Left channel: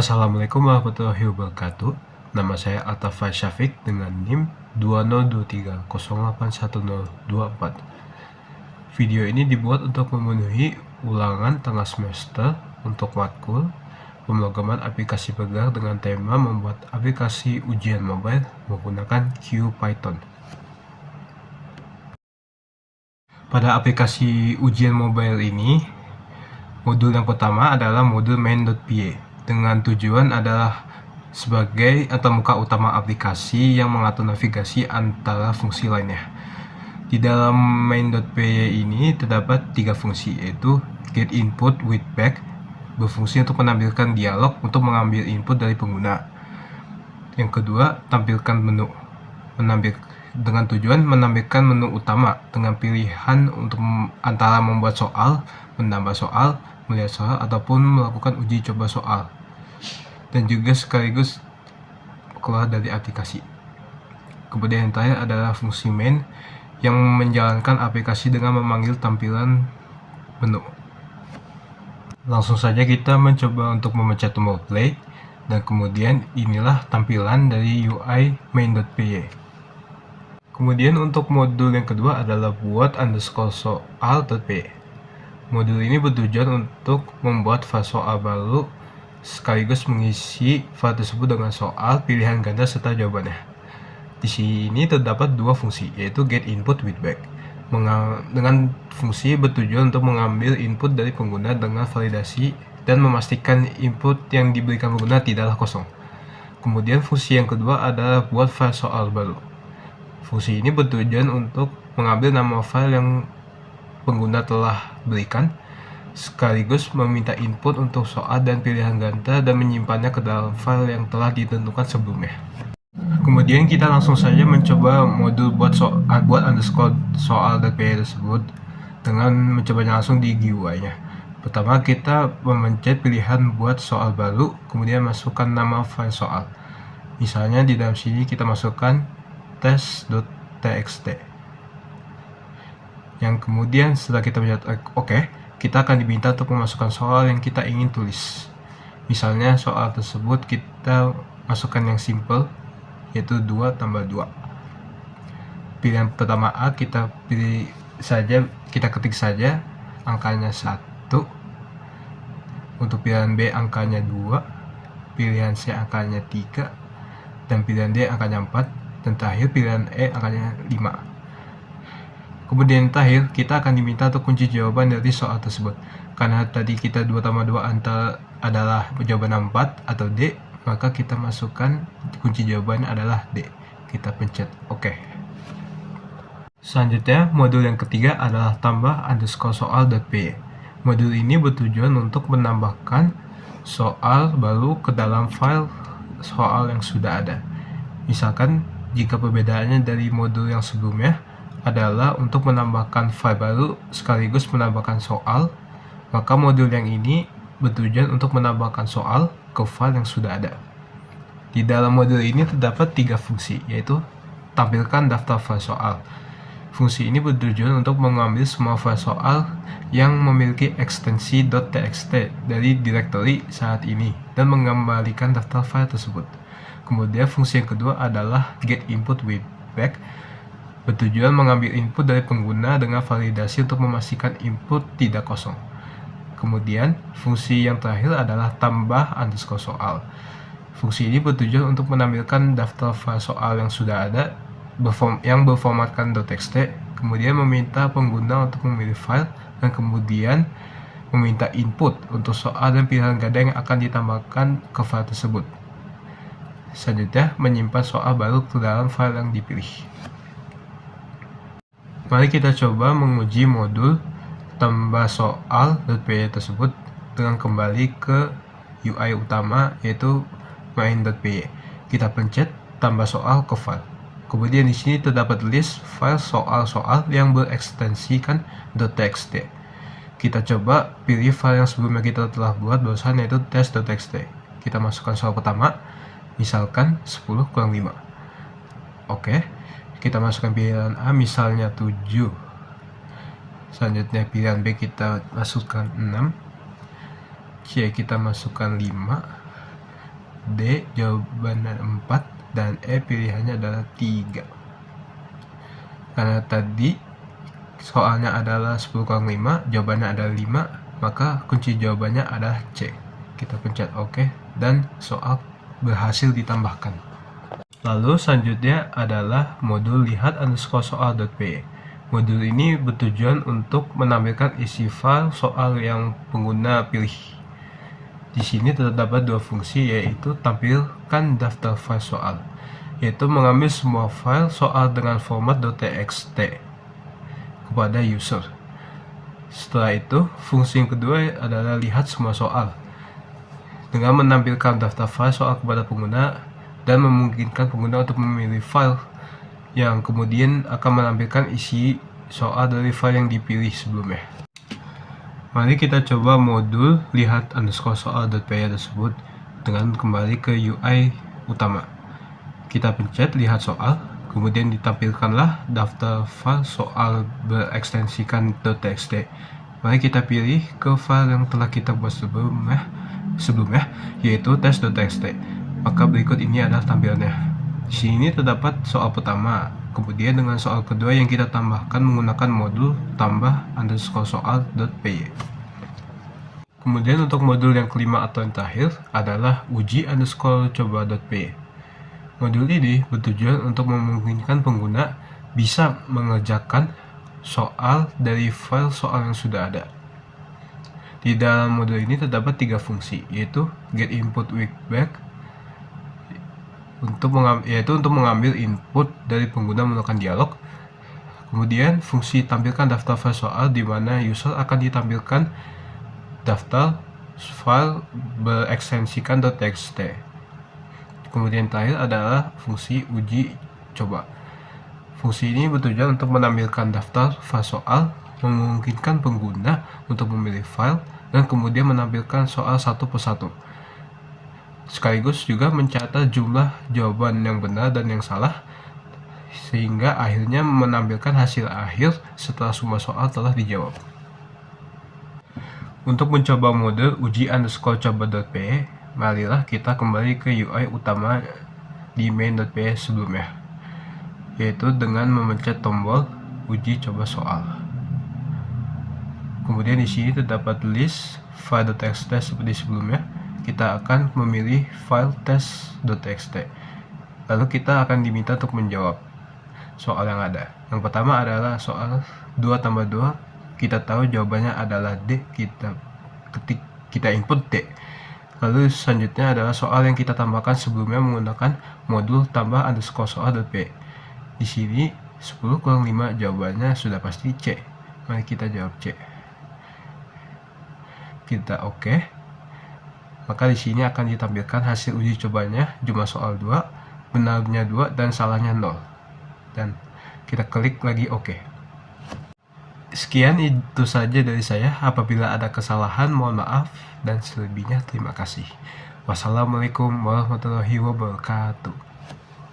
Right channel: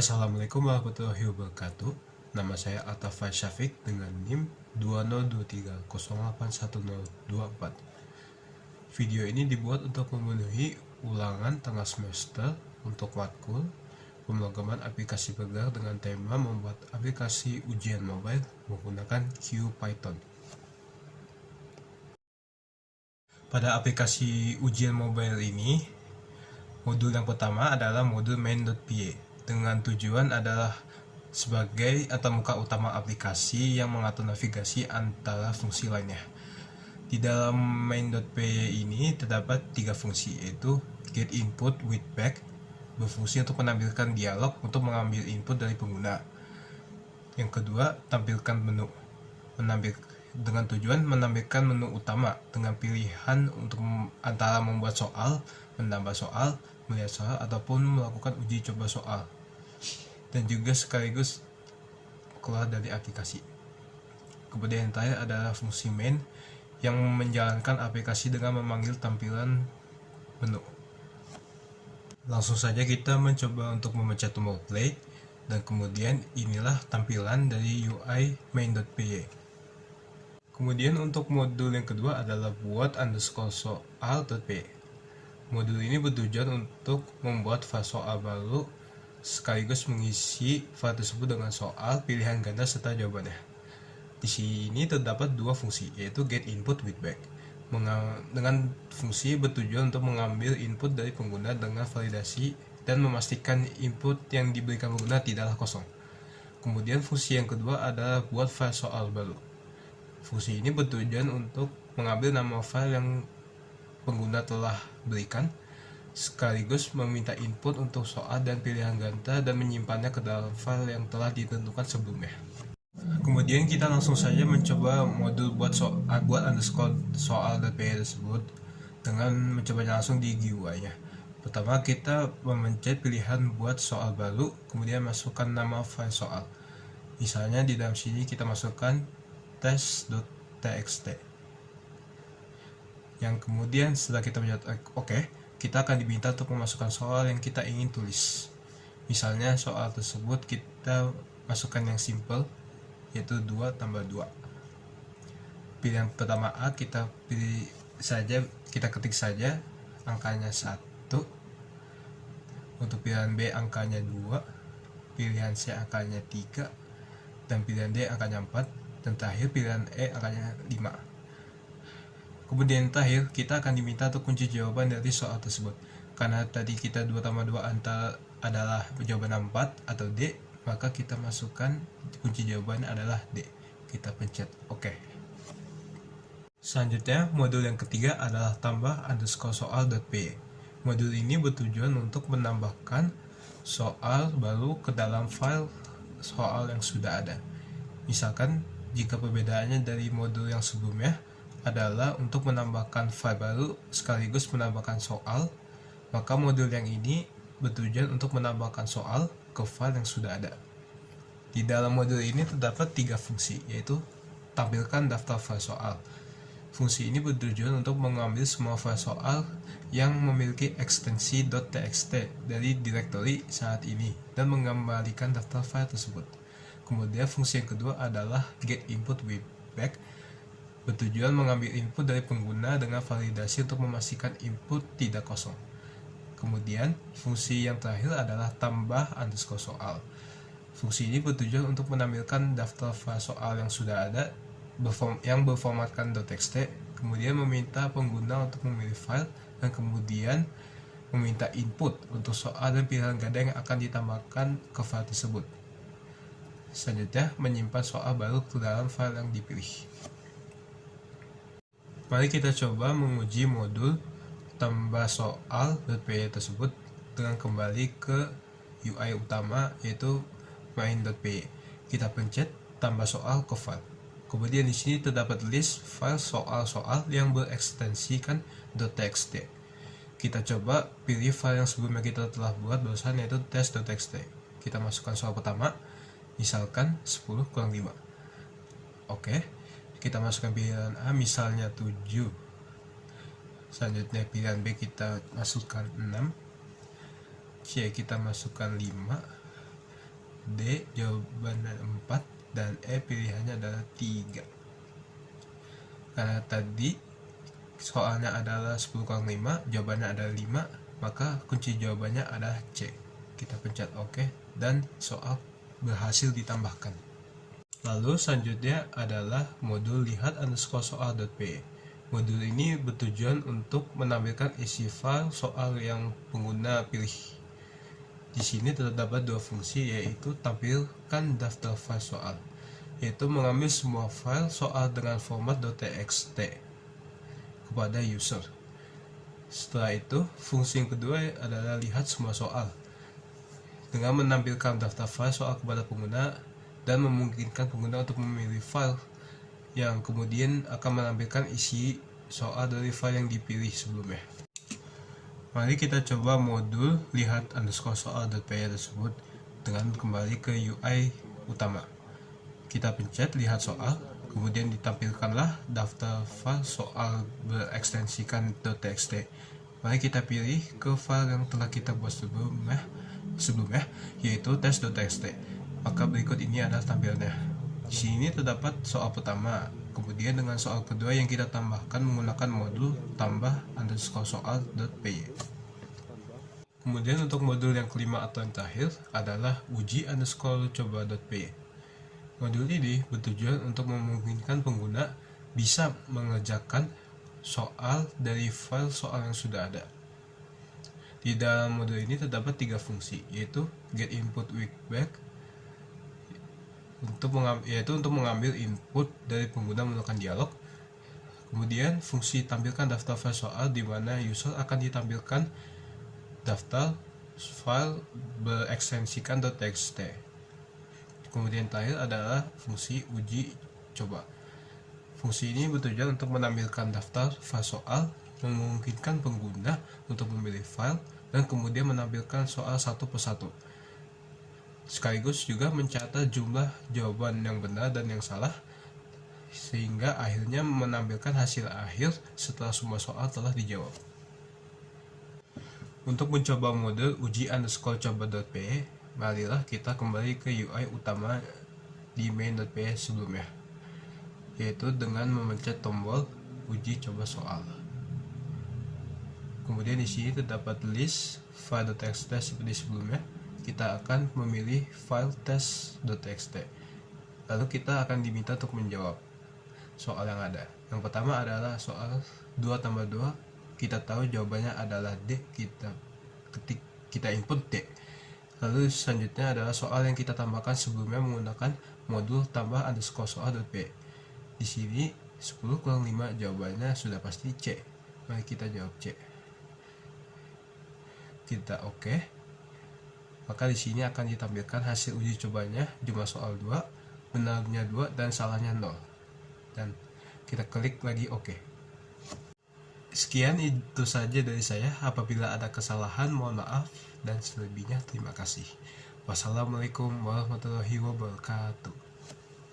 Assalamualaikum warahmatullahi wabarakatuh. Nama saya Atafa Syafiq dengan NIM 2023081024. Video ini dibuat untuk memenuhi ulangan tengah semester untuk matkul pemrograman aplikasi bergerak dengan tema membuat aplikasi ujian mobile menggunakan QPython. Pada aplikasi ujian mobile ini, modul yang pertama adalah modul main.py dengan tujuan adalah sebagai antarmuka utama aplikasi yang mengatur navigasi antara fungsi lainnya. Di dalam main.py ini terdapat 3 fungsi, yaitu get input with back, berfungsi untuk menampilkan dialog untuk mengambil input dari pengguna. Yang kedua, tampilkan menu, dengan tujuan menampilkan menu utama dengan pilihan untuk antara membuat soal, menambah soal, melihat soal, ataupun melakukan uji coba soal, dan juga sekaligus keluar dari aplikasi. Kemudian yang terakhir adalah fungsi main yang menjalankan aplikasi dengan memanggil tampilan menu. Langsung saja kita mencoba untuk memencet tombol play, dan kemudian inilah tampilan dari UI main.py. Kemudian untuk modul yang kedua adalah buat _soal.py. Modul ini bertujuan untuk membuat file soal baru sekaligus mengisi file tersebut dengan soal, pilihan ganda, serta jawabannya. Di sini terdapat 2 fungsi, yaitu get input with back. Dengan fungsi bertujuan untuk mengambil input dari pengguna dengan validasi dan memastikan input yang diberikan pengguna tidaklah kosong. Kemudian fungsi yang kedua adalah buat file soal baru. Fungsi ini bertujuan untuk mengambil nama file yang pengguna telah berikan, sekaligus meminta input untuk soal dan pilihan ganda dan menyimpannya ke dalam file yang telah ditentukan sebelumnya. Kemudian kita langsung saja mencoba modul buat _soal.py tersebut dengan mencobanya langsung di GUI-nya. Pertama, kita memencet pilihan buat soal baru, kemudian masukkan nama file soal. Misalnya di dalam sini kita masukkan test.txt. Yang kemudian setelah kita mencet OK, kita akan diminta untuk memasukkan soal yang kita ingin tulis. Misalnya soal tersebut kita masukkan yang simple, yaitu 2 tambah 2. Pilihan pertama A kita ketik saja angkanya 1. Untuk pilihan B angkanya 2, pilihan C angkanya 3, dan pilihan D angkanya 4, dan terakhir pilihan E angkanya 5. Kemudian terakhir, kita akan diminta untuk kunci jawaban dari soal tersebut. Karena tadi kita 2 tambah 2 adalah jawaban 4 atau D, maka kita masukkan kunci jawabannya adalah D. Kita pencet OK. Selanjutnya, modul yang ketiga adalah tambah _soal.py. Modul ini bertujuan untuk menambahkan soal baru ke dalam file soal yang sudah ada. Misalkan, jika perbedaannya dari modul yang sebelumnya adalah untuk menambahkan file baru sekaligus menambahkan soal, maka modul yang ini bertujuan untuk menambahkan soal ke file yang sudah ada. Di dalam modul ini terdapat 3 fungsi, yaitu tampilkan daftar file soal. Fungsi ini bertujuan untuk mengambil semua file soal yang memiliki ekstensi .txt dari directory saat ini dan mengembalikan daftar file tersebut. Kemudian fungsi yang kedua adalah get input with back, bertujuan mengambil input dari pengguna dengan validasi untuk memastikan input tidak kosong. Kemudian fungsi yang terakhir adalah tambah _soal. Fungsi ini bertujuan untuk menampilkan daftar file soal yang sudah ada yang berformatkan .txt, kemudian meminta pengguna untuk memilih file, dan kemudian meminta input untuk soal dan pilihan ganda yang akan ditambahkan ke file tersebut. Selanjutnya, menyimpan soal baru ke dalam file yang dipilih. Mari kita coba menguji modul tambah soal.py tersebut dengan kembali ke UI utama, yaitu main.py. Kita pencet tambah soal ke file. Kemudian di sini terdapat list file soal-soal yang berekstensikan .txt. Kita coba pilih file yang sebelumnya kita telah buat barusan, yaitu test.txt. Kita masukkan soal pertama, misalkan 10 kurang 5. Oke. Kita masukkan pilihan A, misalnya 7. Selanjutnya pilihan B kita masukkan 6. C kita masukkan 5. D jawabannya 4 dan E pilihannya adalah 3. Karena tadi soalnya adalah 10 kurang 5, jawabannya adalah 5, maka kunci jawabannya adalah C. Kita pencet OK dan soal berhasil ditambahkan. Lalu selanjutnya adalah modul lihat_soal.py. Modul ini bertujuan untuk menampilkan isi file soal yang pengguna pilih. Di sini terdapat dua fungsi, yaitu tampilkan daftar file soal, yaitu mengambil semua file soal dengan format .txt kepada user. Setelah itu, fungsi yang kedua adalah lihat semua soal, dengan menampilkan daftar file soal kepada pengguna dan memungkinkan pengguna untuk memilih file yang kemudian akan menampilkan isi soal dari file yang dipilih sebelumnya. Mari kita coba modul lihat_soal.py tersebut dengan kembali ke UI utama. Kita pencet lihat soal, kemudian ditampilkanlah daftar file soal berekstensikan .txt. Mari kita pilih ke file yang telah kita buat sebelumnya, yaitu test.txt. Maka berikut ini adalah tampilannya. Di sini terdapat soal pertama, kemudian dengan soal kedua yang kita tambahkan menggunakan modul tambah_soal.py. Kemudian untuk modul yang kelima atau yang terakhir adalah uji_coba.py. Modul ini bertujuan untuk memungkinkan pengguna bisa mengerjakan soal dari file soal yang sudah ada. Di dalam modul ini terdapat 3 fungsi, yaitu get input with back, untuk mengambil input dari pengguna menggunakan dialog. Kemudian fungsi tampilkan daftar file soal, di mana user akan ditampilkan daftar file berekstensikan .txt. Kemudian terakhir adalah fungsi uji coba. Fungsi ini bertujuan untuk menampilkan daftar file soal, memungkinkan pengguna untuk memilih file dan kemudian menampilkan soal satu persatu, sekaligus juga mencatat jumlah jawaban yang benar dan yang salah, sehingga akhirnya menampilkan hasil akhir setelah semua soal telah dijawab. Untuk mencoba modul uji_coba.py, marilah kita kembali ke UI utama di main.py sebelumnya, yaitu dengan memencet tombol uji coba soal. Kemudian di sini terdapat list file .txt seperti sebelumnya. Kita akan memilih file test.txt. Lalu kita akan diminta untuk menjawab soal yang ada. Yang pertama adalah soal 2 tambah 2. Kita tahu jawabannya adalah D. Kita input D. Lalu selanjutnya adalah soal yang kita tambahkan sebelumnya menggunakan modul tambah_soal.py. Di sini 10 kurang 5, jawabannya sudah pasti C. Mari kita jawab C. Kita OK. Maka di sini akan ditampilkan hasil uji cobanya, jumlah soal 2, benarnya 2 dan salahnya 0. Dan kita klik lagi OK. Sekian itu saja dari saya. Apabila ada kesalahan mohon maaf, dan selebihnya terima kasih. Wassalamualaikum warahmatullahi wabarakatuh.